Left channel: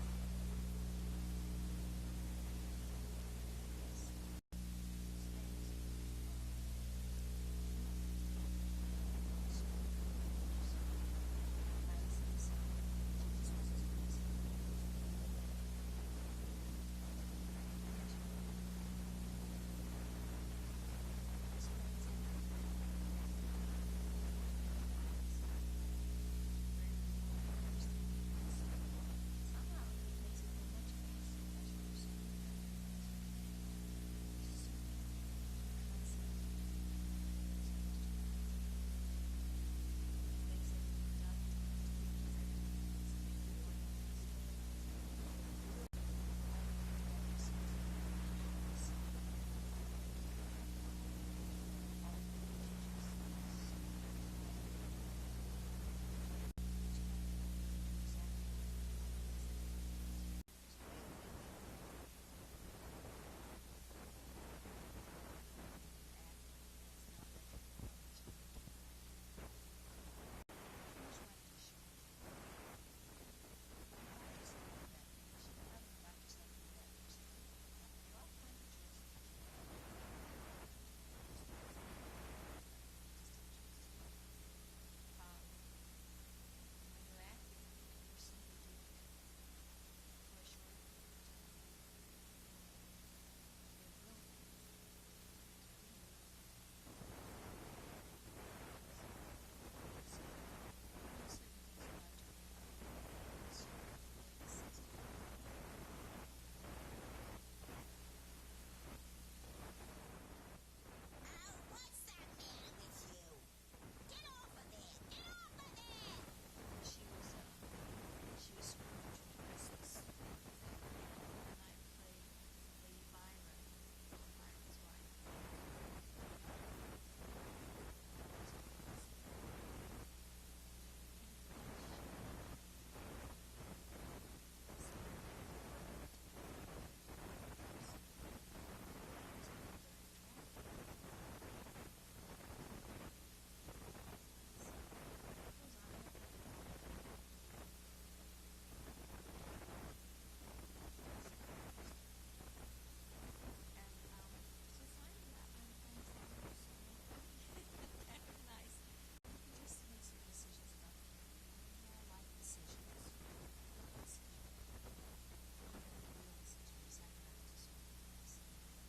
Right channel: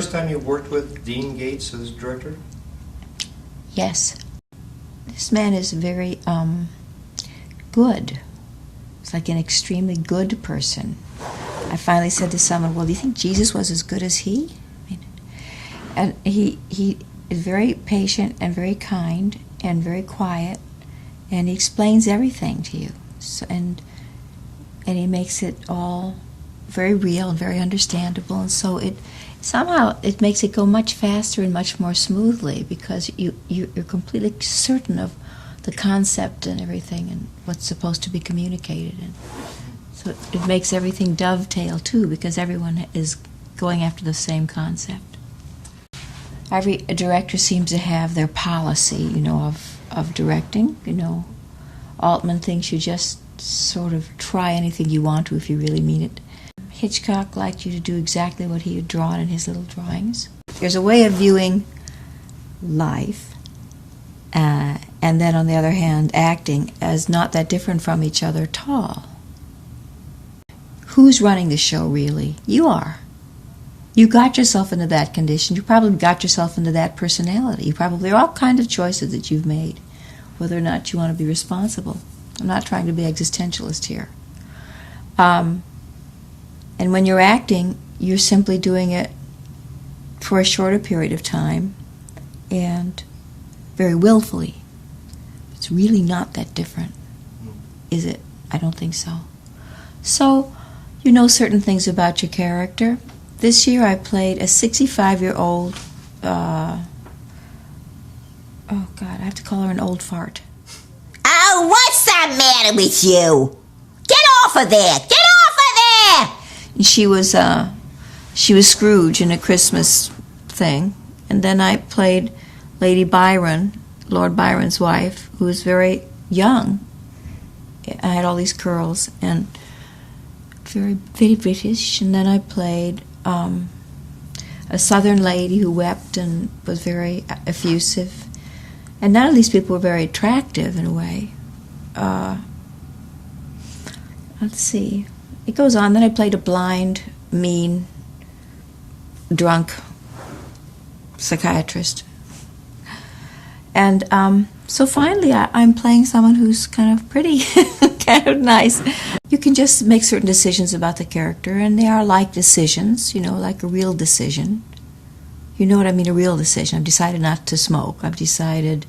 first time you worked with Dean Gates as director? Yes. This man is very good. He's like an extremely good person. I finally said to someone, well, do you think Jesus was as good as he? And he is very patient and very kind and very quiet, and he explains everything to you. So, and he makes it all very real and very understandable, and so it somehow it makes it go much faster and much more smoothly because you're completely certain of the concept and everything and what's supposed to be communicated. And so it makes everything dovetail too because everyone is going after the same concept. Every director seems to have their policy, you know, of directing. You know, Altman thinks you just sort of try anything you want to if you really mean it. Hitchcock liked you to do exactly what he had drawn in his little drawings. There's a way of viewing life, and then on the other hand, acting as not that different from each other at all. Who's running the show, really? You are. You got yourself into that condition. You probably got yourself into that personality. You probably, there are all kinds of choices that you've made, whether or not you want to be responsible. I'm not trying to be existentialist here. And when you're acting, you're simply doing it for a shorter period of time and very willfully. It's really not that different, is it? I don't think so. So, you know certain things about your character. This year I played a 65-year-old, oh God, I have to call her an old fart. Oh, what's the matter with you? Get off of there! Get off of there! And she was Scrooge in a Christmas thing. And then I played Lady Byron, Lord Byron's wife, who was very young. I had all these curls and very, very British. And then I played a southern lady who wept and was very effusive. And none of these people were very attractive in a way. Let's see. It goes on. Then I played a blind, mean, drunk psychiatrist. And so finally I'm playing someone who's kind of pretty, kind of nice. You can just make certain decisions about the character, and they are like decisions, you know, like a real decision. You know what I mean, a real decision. I've decided not to smoke. I've decided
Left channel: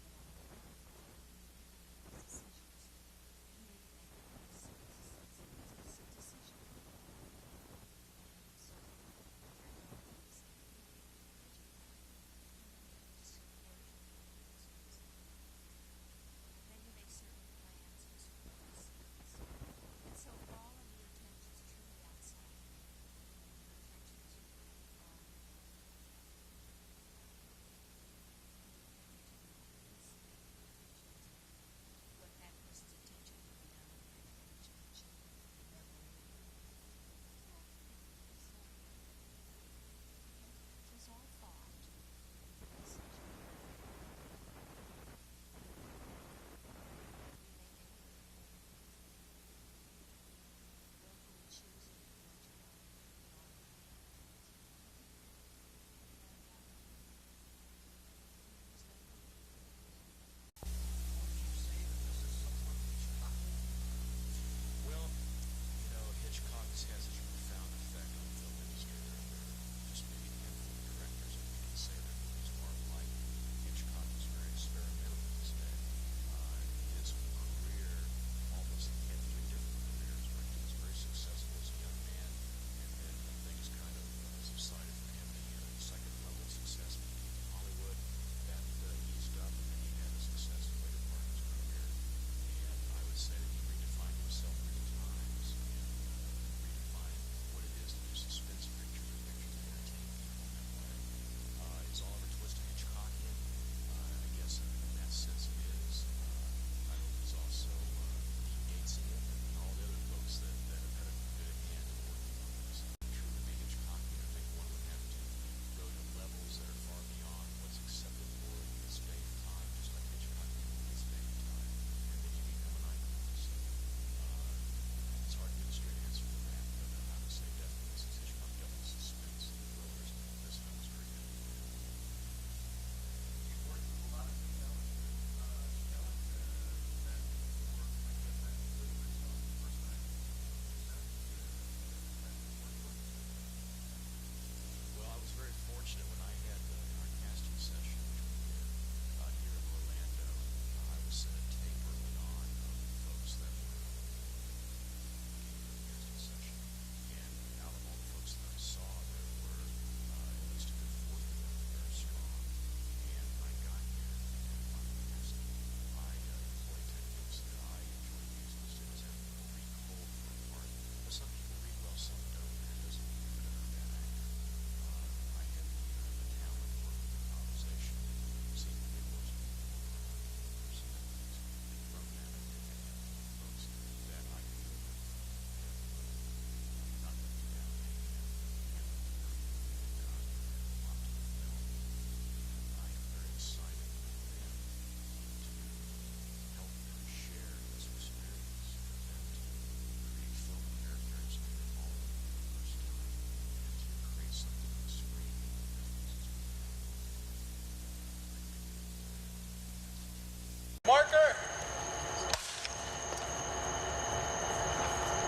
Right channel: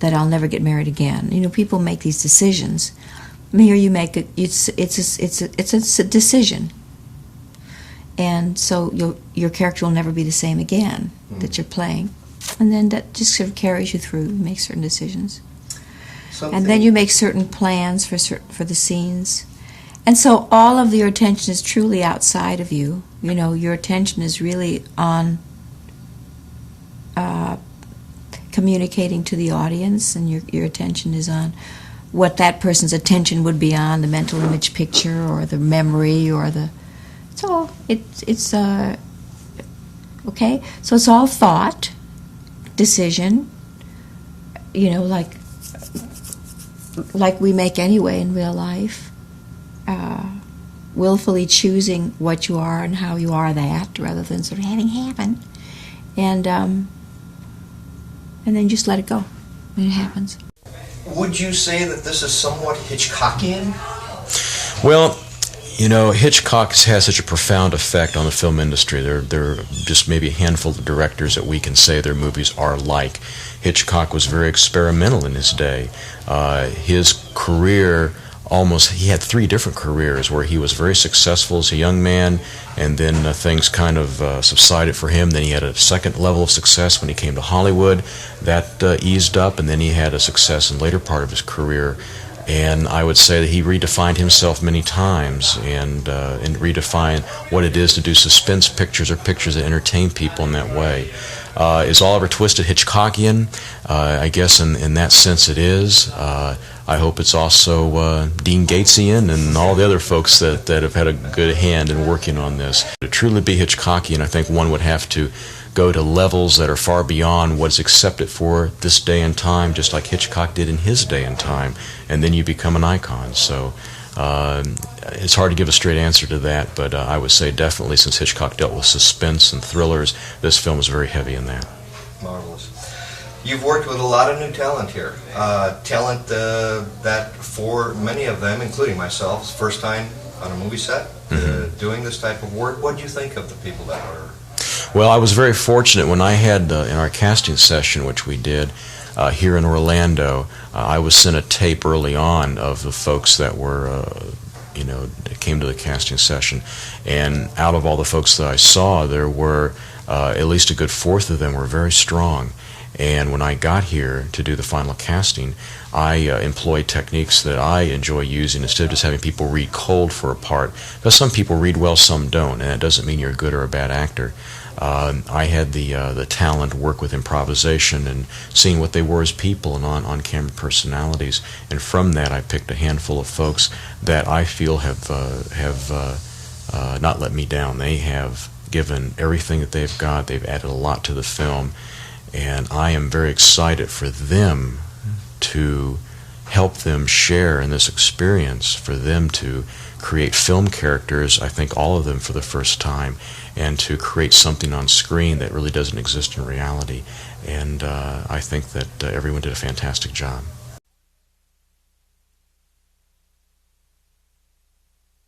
that I'll never get married again. You know, people make these decisions. Here you make it. It's a decision, and so your character will never be the same again that you're playing, and then that just sort of carries you through. You make certain decisions, and then you make certain plans for the scenes, and so all of your attention is truly outside of you. You know, your attention is really on communicating to the audience, and your attention is on what that person's attention would be on, the mental image picture or the memory or the... So it's okay? So it's all thought, decision, you know, like we make anyway in real life, willfully choosing what you are and how you are that rather than sort of having happen. And then just let it go when it happens. Would you say that this is somewhat Hitchcockian? Well, you know, Hitchcock has such a profound effect on the film industry. There are just maybe a handful of directors that we can say their movies are like. Hitchcock was very experimental in his day. His career he had 3 different careers where he was very successful as a young man, and then things kind of subsided for him. Then he had a second level of success when he came to Hollywood. That eased up, and then he had a success in the later part of his career. And I would say that he redefined himself many times and redefined what it is to do suspense pictures or pictures that entertain people in that way. Is Oliver Twist Hitchcockian? I guess in that sense it is. I hope it's also Dean Gatesian and all the other folks that have had a good hand in working on this. To truly be Hitchcockian, I think one would have to go to levels that are far beyond what's accepted for this day and time, just like Hitchcock did in his day and time, and then you become an icon. So It's hard to give a straight answer to that, but I would say definitely, since Hitchcock dealt with suspense and thrillers, this film is very heavy in that. Marvelous. You've worked with a lot of new talent here. Talent that for many of them, including myself, is first time on a movie set, doing this type of work. What do you think of the people that are? Well, I was very fortunate when I had, in our casting session, which we did here in Orlando, I was sent a tape early on of the folks that were, that came to the casting session. And out of all the folks that I saw, there were at least a good fourth of them were very strong. And when I got here to do the final casting, I employed techniques that I enjoy using instead of just having people read cold for a part. Because some people read well, some don't, and that doesn't mean you're a good or a bad actor. I had the talent work with improvisation and seeing what they were as people and on-camera personalities. And from that, I picked a handful of folks that I feel have not let me down. They have given everything that they've got. They've added a lot to the film. And I am very excited for them to help them share in this experience, for them to create film characters, I think all of them for the first time, and to create something on screen that really doesn't exist in reality. And I think that everyone did a fantastic job. Marker!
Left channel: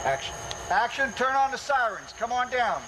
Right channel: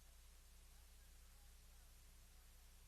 Action. Action, turn on the sirens. Come on down.